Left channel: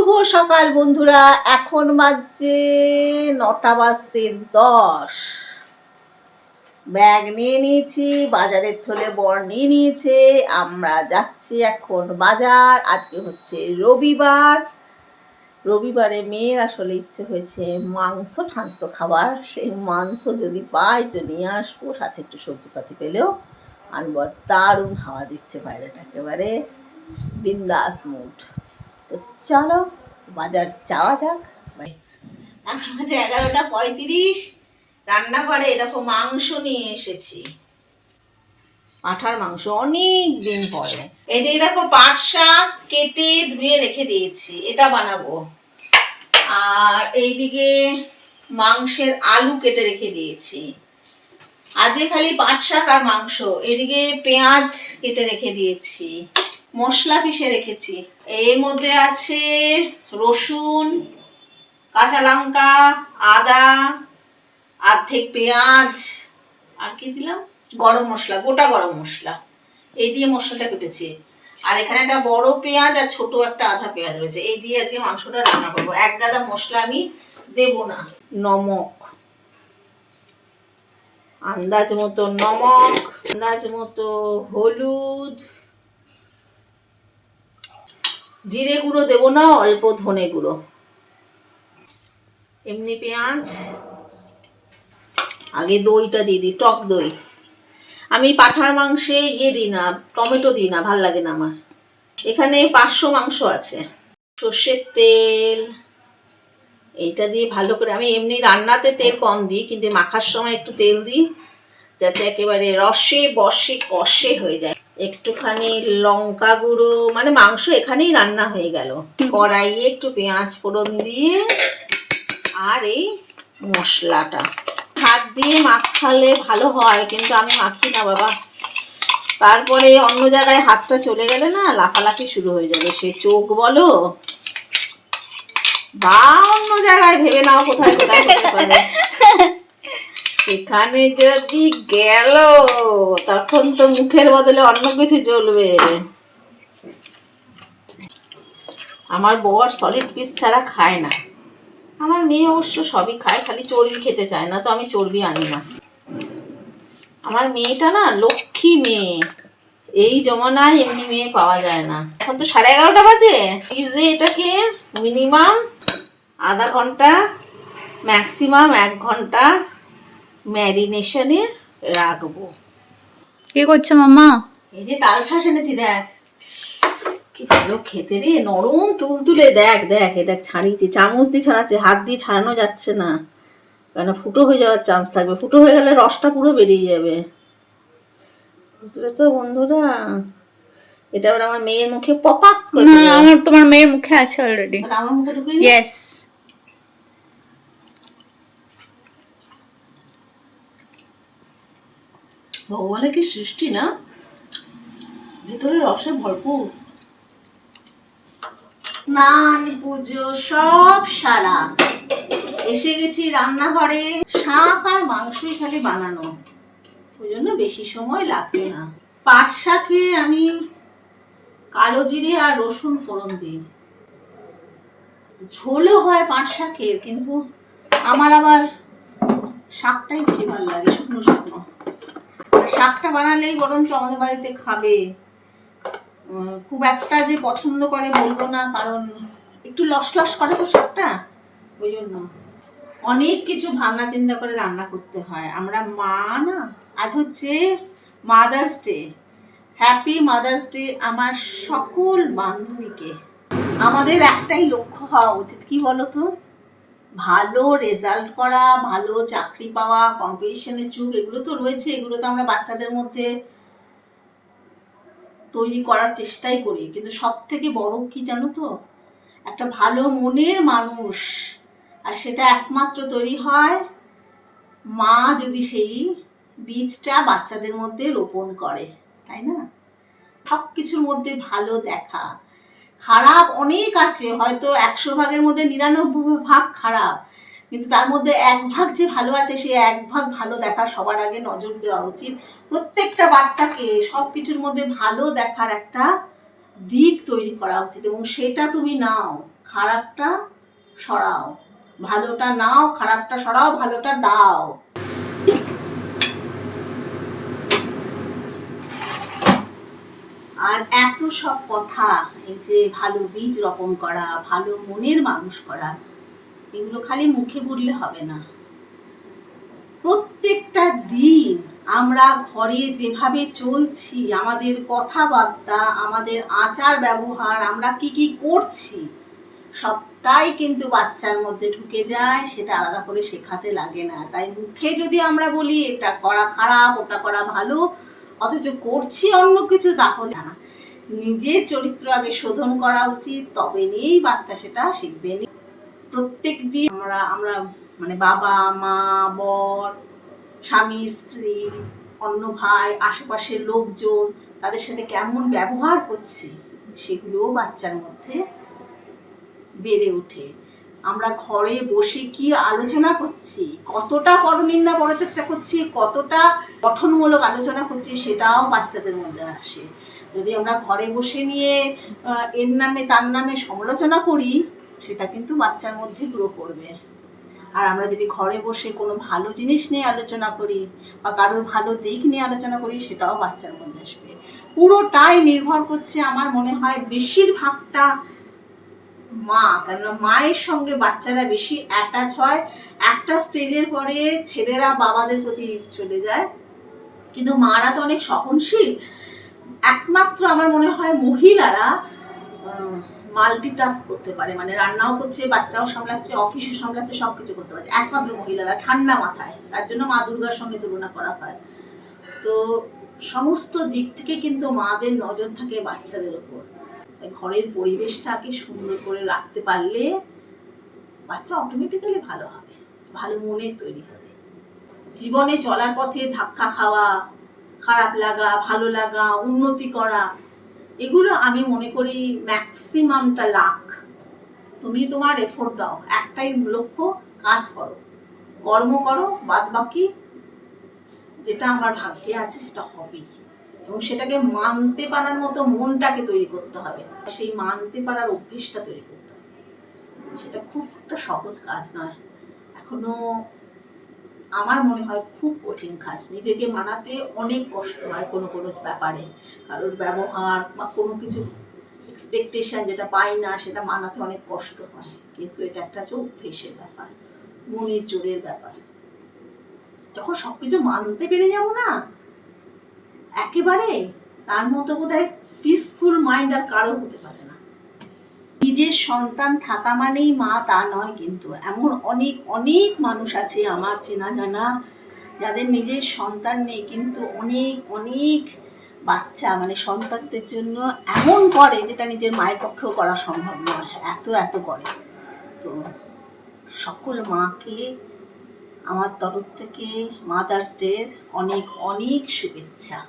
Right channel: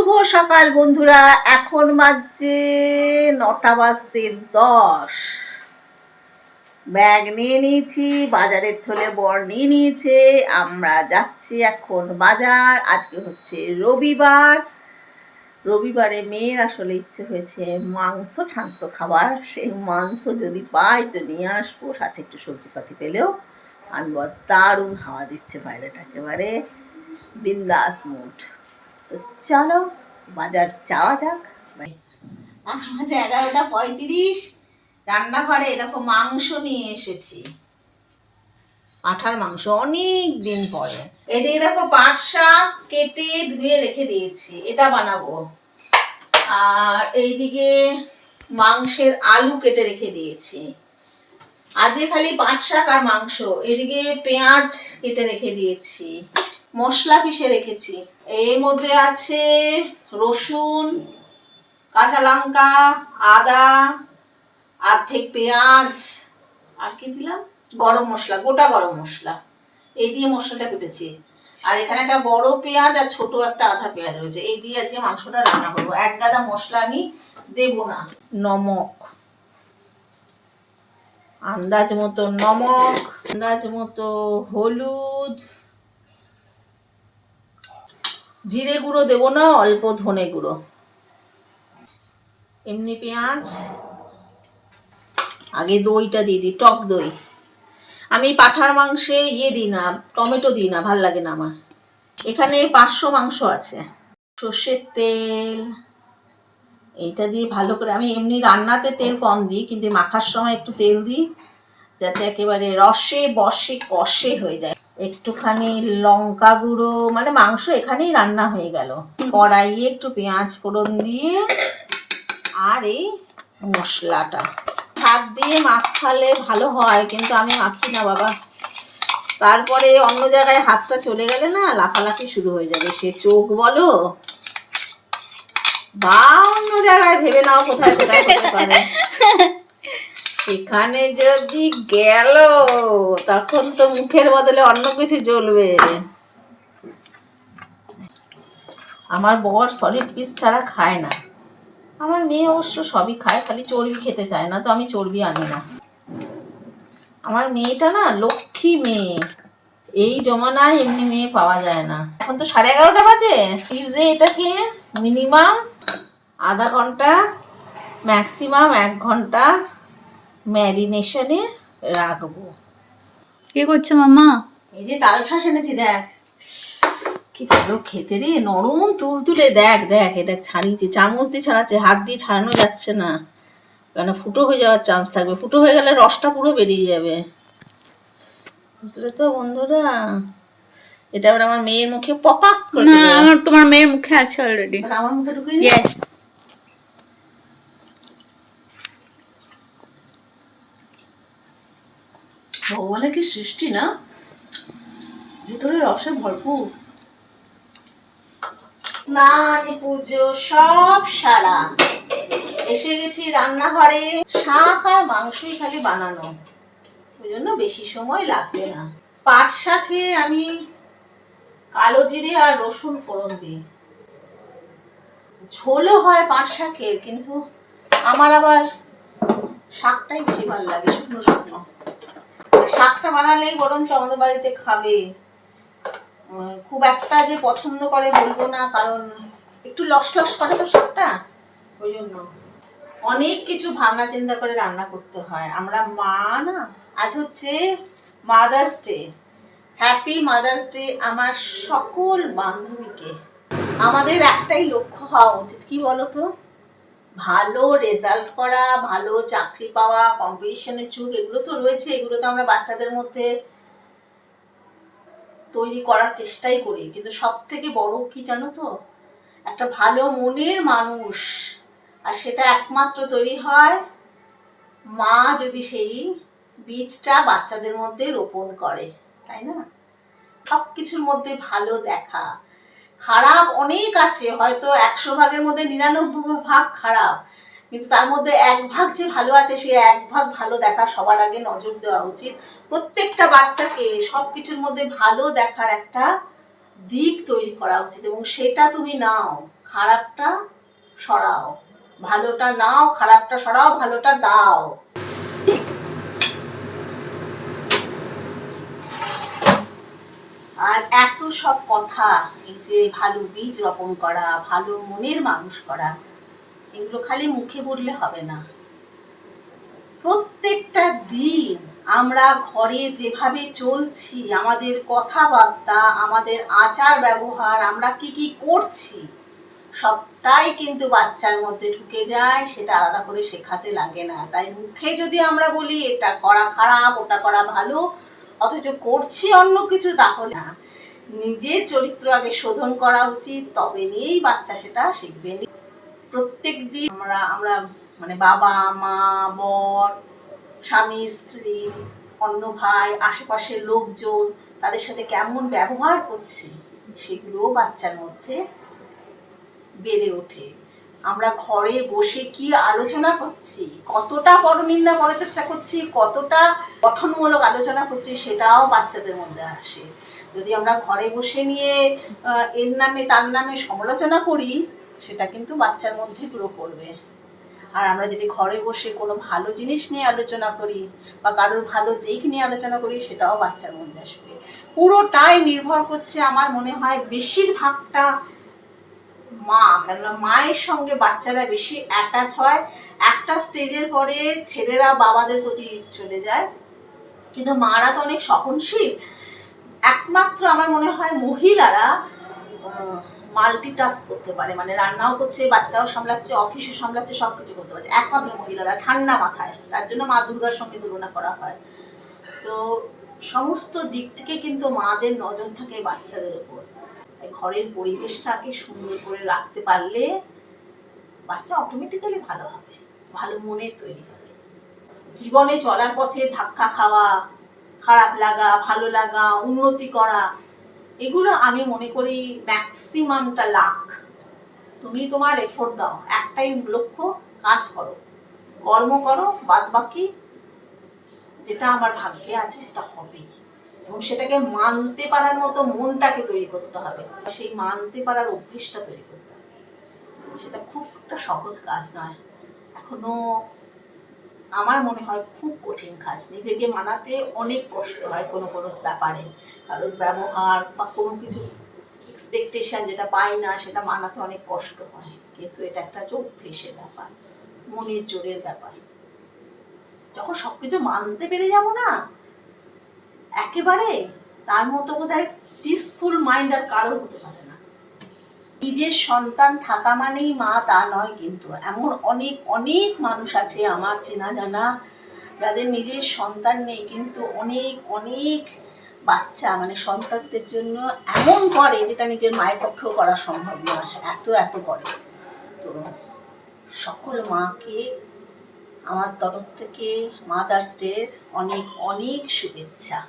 শুভ সকাল বন্ধুরা, এখন বাজছে 9টা বাজতে 10। ব্যাগ নিয়ে নিয়েছি, বাজারের থলে বর নিয়ে নিয়েছে। আমরা যাচ্ছি এখন বাজার। আজকে হচ্ছে রবিবার। রবিবারে মেয়ের আসলে ইচ্ছে হয়েছে মাংস ঠাংস খাবার। সেই মাংস যদি পাই তো নিয়ে আসবো, সাথে একটু সবজিপাতি পেলেও আনবো। দারুণ হাওয়া দিচ্ছে বাইরেটা, একেবারে বিন্দাস মুড। তো চলো বাজার যাওয়া যাক। এখন বাজে 11টা 35। রান্নাঘরে দেখো মাংস নিয়ে এসেছি, পাঁঠার মাংস, অনেক দিন পরে। এদিকে দেখো পাট শাক কেটে ধুয়ে রেখে দিয়েছি, এটা বানাবো। আর এইদিকে মাংসের আলু কেটে রেখে দিয়েছি। আজকে খালি পাট শাক আর মাংস। এদিকে পেঁয়াজ কেটে রেখে দিয়েছি, মশলা পিষে রেখেছি। এর মধ্যে আছে রসুন, কাঁচা লঙ্কা, আদা, অর্ধেক পেঁয়াজ, আর কি দিলাম, গরম মশলা, গোটা গরম মশলা। এই দিয়ে মশলাটা কেটেছি। আর এখানে একটা বড় পেঁয়াজ আর ছোট একটা আধা পেঁয়াজ রয়েছে। এই দিয়ে আজকে মাংসটা রান্না করবো। এক গাদা মশলা আমি দেব না। নমক, আন্দাজ মতো নমক, আন্দাজ মতো হলুদ, জিরে গুঁড়ো দেবো না, অল্প ধনে গুঁড়ো, এমনি পেঁয়াজ। আগে দইটা দিয়ে দিই, টক দই। আমি পাঁঠার মাংসে দিই না, টমেটো দিই না, ভাল লাগে না আমার। এখানে 500 মাংস আছে। সর্ষের তেল, এইটা দিয়ে ভালো করে, আমি এমনি রান্নাতে তেল কম দিই, কিন্তু মাখার সময় একটু তেল দিই, যাতে একেবারে রসে বসে কষে হয়ে যায়। একটুখানি লঙ্কা গুঁড়ো, মানে মাংস এখানেই রান্না হয়ে গেল। কড়াইয়ে একটু পেঁয়াজ ফোড়ন দিয়ে, আর এই মশলাটা হাত দিয়ে মাখালে ভালো হয়, কিন্তু আমি মাখি না বাবা। তারপরে অন্য জায়গায় হাতটা চলে গেলে না লাফালাফি শুরু হয়ে যাবে, সে চোখ বলো বা অন্য জায়গায়, ভেবে নাও কোথায় কোথায় হতে পারে। সেখানে যদি গেল তখন তো মুখের বদলে অন্য কিছু জ্বলবে। আমার বর সলিড পিস ছাড়া খায় না। আমার মেয়ে অবশ্য সবই খায়, খালি চর্বি খেতে চায় না, তো আমি চর্বি আনি না। আমার মেয়েটা না লক্ষ্মী মেয়ে, এই জমানায় এমনি মেয়ে পাওয়া যায় না। এখন তো 11:30 বাজে। ফ্রিজে এটাকে মিনিমাম আধা ঘন্টা, ম্যাক্সিমাম 1 ঘন্টা ম্যারিনেশনে রাখবো। কি করছো মামা? এই যে তাল শাঁস এনেছি, দেখ কি ভালো খেতে রে, নরম তুলতুলে। দেখ দেখ, এটা ছাড়িয়েছি, চামচ দিয়ে ছাড়াচ্ছে, হাত দিয়ে ছাড়ানো যাচ্ছে না, কারণ ফুটো হয়ে যাওয়ার চান্স থাকবে। ফুটো হয়ে গেলে রসটা পুরো বেরিয়ে যাবে, বুঝলে তো বন্ধুরা। এটা আবার আমার মেয়ের মুখে পপাক করে না, দেবে। আমার তোমার মেয়ের মুখে আছে অলরেডি। আর আমার মুখে ঢুকে নি। ইয়েস। ভগবানের কি সৃষ্টি না, ভিতরে রসে ভরপুর। স্নান পুজো সব সারা, এসে গেছি রান্নাঘরে। শাক আর মাংসই খালি বানানো, ওই জন্য বেশি সময় লাগবে না। পাট শাকে আমি কালো জিরে আর রসুন ফোড়ন দিই। ঝোলও হয় পাট শাকের, কিন্তু আমার আবার শাকটাই বেশি ভালো লাগে, শুকনো শুকনো। শাকটা বানালেই বরঞ্চ আমাদের বাড়িতে খাবে। খুব একটা যে পছন্দ করে বলবো না, কারণ একটু লস লস করে তো শাকটা, ওই জন্য অনেক কিছু ভাবনা চিন্তা করে রান্না করতে হয়। আমরা মা না, আজ হচ্ছে mother's day. Happy mother's day আমার সকল বান্ধবীকে। আমাদের একটাই লক্ষ্য হওয়া উচিত, কি বলতো, ভালো রেজাল্ট করা, ভালো চাকরি পাওয়া, কম্পিটিশনের যুগ এগুলো তো রয়েছে, এগুলো তো আমরা বাচ্চাদের মধ্যে তৈরি করার চেষ্টাই করি। কিন্তু সব থেকে বড় কি জানো তো, একটা ভালো মনের মানুষ। আর সেটা একমাত্র তৈরি হয় মা যদি সেই বীজটা বাচ্চাদের মধ্যে রোপণ করে, তাই না? সব কিছুর মধ্যে ভালো দেখা। খারাপ অনেক আছে, হয়তো 100 ভাগের মধ্যে 99 ভাগ খারাপ, কিন্তু তার মধ্যে 1 ভাগ যে ভালো আছে, সেই 1 ভাগ ভালো দেখার সবার আগে নজর দেওয়া উচিত। প্রত্যেকটা বাচ্চাকে সব কিছুর মধ্যে ভালো দেখার একটা দিক তৈরি করা উচিত, এবং সেটা তুমি নাও। খারাপটা সরাও, ভালোটা নাও, খারাপটা সরাও, ভালোটা দাও। আর এত সব কথা, এই যে ভালো বীজ রোপণ করা, ভালো মনের মানুষ করা, এগুলো খালি মুখে বললে হবে না। প্রত্যেকটা দিন আমরা ঘরে যেভাবে চলছি, আমাদের কথাবার্তা, আমাদের আচার ব্যবহার, আমরা কি কি করছি, সবটাই কিন্তু বাচ্চার মধ্যে ঢুকে যায়। সেটা আলাদা করে শেখাতে লাগে না। তাই মুখে যদি আমরা বলি এটা করা খারাপ, ওটা করা ভালো, অথচ করছি অন্য কিছু, তাহলে না। নিজের চরিত্র আগে শোধন করা উচিত, তবে নিয়েই বাচ্চা সেটা শিখবে। প্রত্যেক দিন আমরা মানে বাবা মা, বর, স্বামী স্ত্রী, অন্য ভাই, আশেপাশের লোকজন, তাদের সাথে কেমন ব্যবহার করছি, সেগুলো বাচ্চার মধ্যে বেড়ে ওঠে। আমরা ঘরে বসে কি আলোচনা করছি, কতটা পরনিন্দা পরচর্চা করছি, কতটা গঠনমূলক আলোচনা করছি, সেটাও বাচ্চাদের মধ্যে আসে। যদি আমরা ঘরে বসে নিয়ে এর নামে তার নামে সমালোচনা করি, সেটা কিন্তু বাচ্চার মধ্যে গ্রো করবে। আর আমরা যদি ঘরে বসে কোনো ভালো জিনিস নিয়ে আলোচনা করি বা কারোর ভালো দিক নিয়ে আলোচনা করি, সেটাও বাচ্চার মধ্যে আসবে। পুরোটাই নির্ভর করছে আমার মনে হয় বেশিরভাগটা মা, কেননা মায়ের সঙ্গে বাচ্চারা বেশি অ্যাটাচ হয়। একটা স্টেজের পরে ছেলেরা বাবাদের প্রতি চলে যায়, কিন্তু মারা তো অনেক সহনশীল। একমাত্র আমার মনে হয় মহিলারা মাল্টিটাস্ক করতে পারে, মানে রান্নাও করছে, বাচ্চাও সামলাচ্ছে, অফিসও সামলাচ্ছে, সবকিছু করতে পারছে একমাত্র মহিলারা, ঠান্ডা মাথায়। তার জন্য মা দুর্গার সঙ্গে তুলনা করা হয়। তো সমস্ত দিক থেকে কিন্তু মাদের নজর থাকে বাচ্চাদের উপর। ঘরের পরিবেশটাকে সুন্দর করে রাখতে পারলে বাচ্চা অটোমেটিক্যালি ভালো হবে, ভালো মনের তৈরি হবে। জীবনে চলার পথে ধাক্কা খাওয়া, খারাপ লাগা, ভালো লাগা, উন্নতি করা, এগুলো আমি মনে করি ম্যাক্সিমামটা লাক। তুমি তোমার এফোর্ট দাও, একটাই লক্ষ্য, কাজ করো, কর্ম করো, বাদ বাকি যেটা আমার ভাগ্যে আছে সেটা হবেই। এবং সেটাকে মানতে পারার মতো মনটাকে তৈরি করতে হবে, সেই মানতে পারার অভ্যেসটা তৈরি করতে হবে। সেটা খুব একটা সহজ কাজ নয়, এখনো আমার মনে হয় খুব কঠিন কাজ। নিজেকে মানাতে অনেক কষ্ট হয় কোনো কোনো ব্যাপারে, কারোর ব্যবহার বা কোনো কিছু এক্সপেকটেশন যেটা পাই না, সেটা মানাতে অনেক কষ্ট হয়। কিন্তু এটা একটা হচ্ছে অভ্যেসের ব্যাপার, মনের জোরের ব্যাপার। যখন সবকিছু মানতে পেরে যাবো না একেবারে, তার মতো বোধহয় পিসফুল মাইন্ড আর কারোর হতে পারে না। নিজের সন্তান থাকা মানেই মা তা নয়, কিন্তু এমন অনেক অনেক মানুষ আছে আমার চেনা জানা, যাদের নিজের সন্তান নেই, কিন্তু অনেক অনেক বাচ্চা মানে সন্তানদের জন্য এমন করে যেটা নিজের মায়ের পক্ষেও করা সম্ভব নয়, এত এত করে। তো সকল মাকে আমার তরফ থেকে মাদার্স ডের অনেক অনেক শুভেচ্ছা।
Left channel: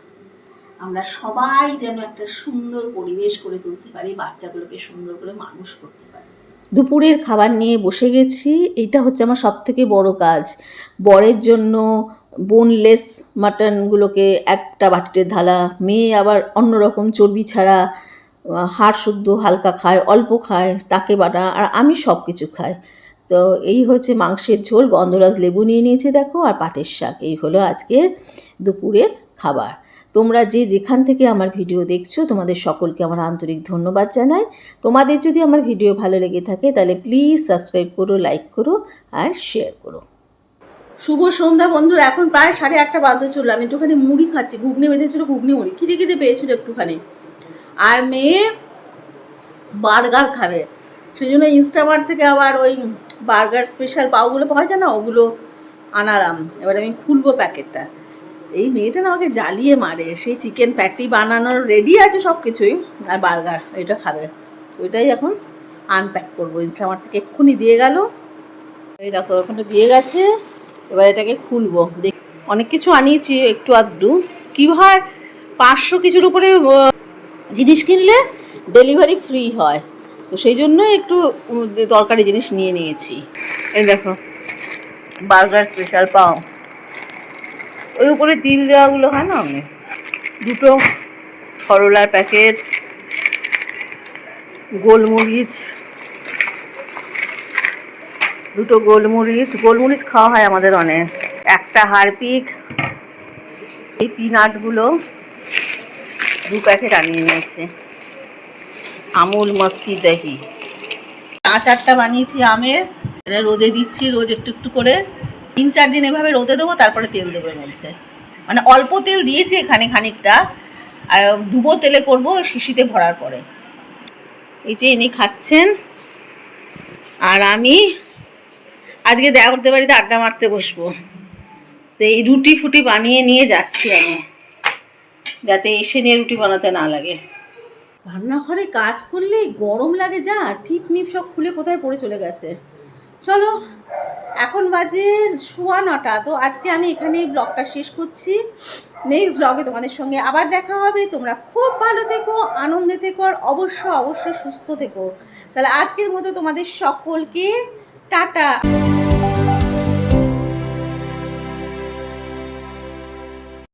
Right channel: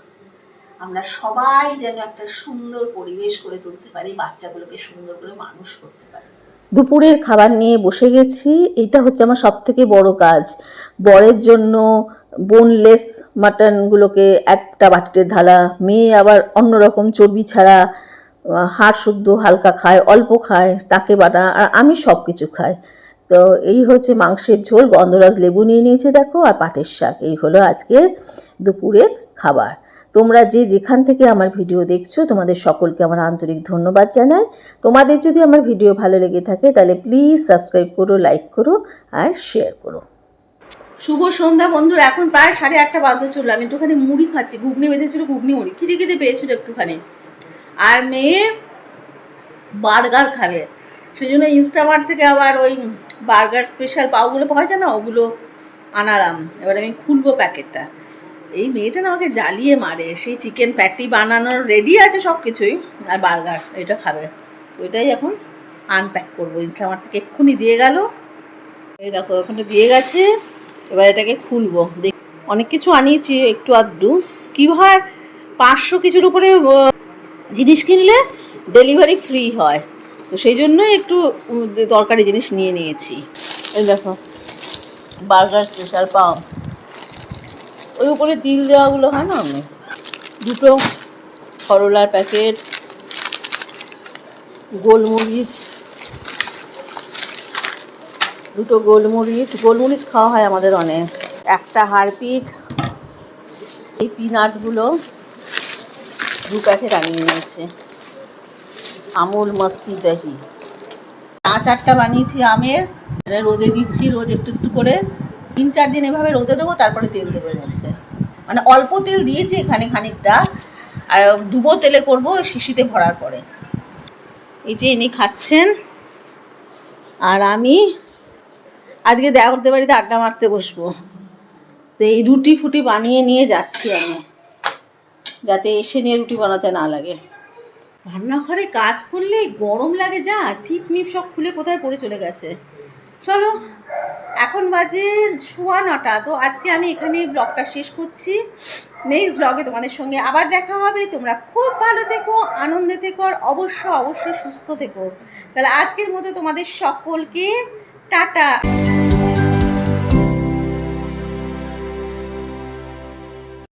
আমরা সবাই যেন একটা সুন্দর পরিবেশ করে তুলতে পারি, বাচ্চাগুলোকে সুন্দর করে মানুষ করতে পারি। দুপুরের খাবার নিয়ে বসে গেছি। এটা হচ্ছে আমার সব থেকে বড় কাজ। বরের জন্য বোনলেস মাটনগুলোকে একটা বাটিতে ঢালা, মেয়ে আবার অন্যরকম চর্বি ছাড়া হাড় শুদ্ধ হালকা খায়, অল্প খায়, তাকে বাটা, আর আমি সব কিছু খাই। তো এই হচ্ছে মাংসের ঝোল, গন্ধরাজ লেবু নিয়ে নিয়েছি দেখো, আর পাটের শাক। এই হলো আজকে দুপুরের খাবার। তোমরা যে যেখান থেকে আমার ভিডিও দেখছো, তোমাদের সকলকে আমার আন্তরিক ধন্যবাদ জানাই। তোমাদের যদি আমার ভিডিও ভালো লেগে থাকে তাহলে প্লিজ সাবস্ক্রাইব করো, লাইক করো আর শেয়ার করো। শুভ সন্ধ্যা বন্ধুরা, এখন প্রায় 8:30 বাজতে চললো। আমি একটুখানি মুড়ি খাচ্ছি, ঘুগনি বেঁচেছিল, ঘুগনি মুড়ি খিদে খিদে পেয়েছিল একটুখানি। আর মেয়ে বার্গার খাবে, সেই জন্য ইনস্টামার্ট থেকে আবার ওই বার্গার স্পেশাল পাউগুলো পাওয়া যায় না, ওগুলো আনালাম। এবার আমি খুলবো প্যাকেটটা। এই মেয়েটা না আমাকে জ্বালিয়ে মারে, সেই চিকেন প্যাটি বানানোর রেডি আছে সব কিছুই, আর বার্গার এটা খাবে। ওইটাই এখন আনপ্যাক করবো। ইনস্টামার্ট থেকে এক্ষুনি দিয়ে গেল, এই দেখো এখানে দিয়ে গেছে। এবার এটাকে খুলবো। দেখ, অনেক কিছু আনিয়েছি একটু আধটু। কী হয়, 500 কিছুর উপরে জিনিস কিনলে ডেলিভারি ফ্রি হয়, তো সেই জন্য একটু দরকারি জিনিস নিয়ে নিয়েছি। এই দেখো বার্গার স্পেশাল পাও, ওই উপরে তিল দেওয়াগুলো হয় না, আমি দুটো করলার প্যাকেট, গোলমরিচ, দুটো গোলমরিচ খাওয়া হয় আমাদের অনেক। একটা হারপিক, এই পিনাটগুলো 2 প্যাকেট আনিয়ে নিয়েছে। আমুল মস্তি দহি, আচারটা বানিয়েছি আমের, এটা রোদে দিচ্ছি রোজ একটু একটু করে। 3-4 দিন এভাবে রোদে দেবো, তারপরে তেল দেবো এর মধ্যে। মানে অল্প তেল দিয়েছি এখানে খানিকটা, আর ডুবো তেলে করবো শিশিতে ভরার পরে। এই যে ইনি খাচ্ছেন, আর আমি আজকে দেওরদের বাড়িতে আড্ডা মারতে বসবো। তো এই রুটি ফুটি বানিয়ে নিয়ে যাচ্ছি আমি, যাতে এসে নিয়ে রুটি বানাতে না লাগে। রান্নাঘরে কাজ করলে গরম লাগে, যা টিপ নিপ সব খুলে কোথায় পড়ে চলে গেছে। চলো, এখন বাজে 9:15। তো আজকে আমি এখানেই ব্লগটা শেষ করছি। নেক্সট ব্লগে তোমাদের সঙ্গে আবার দেখা হবে। তোমরা খুব ভালো থেকো, আনন্দে থেকো, আর অবশ্যই সুস্থ থেকো। তাহলে আজকের মতো তোমাদের সকলকে টাটা।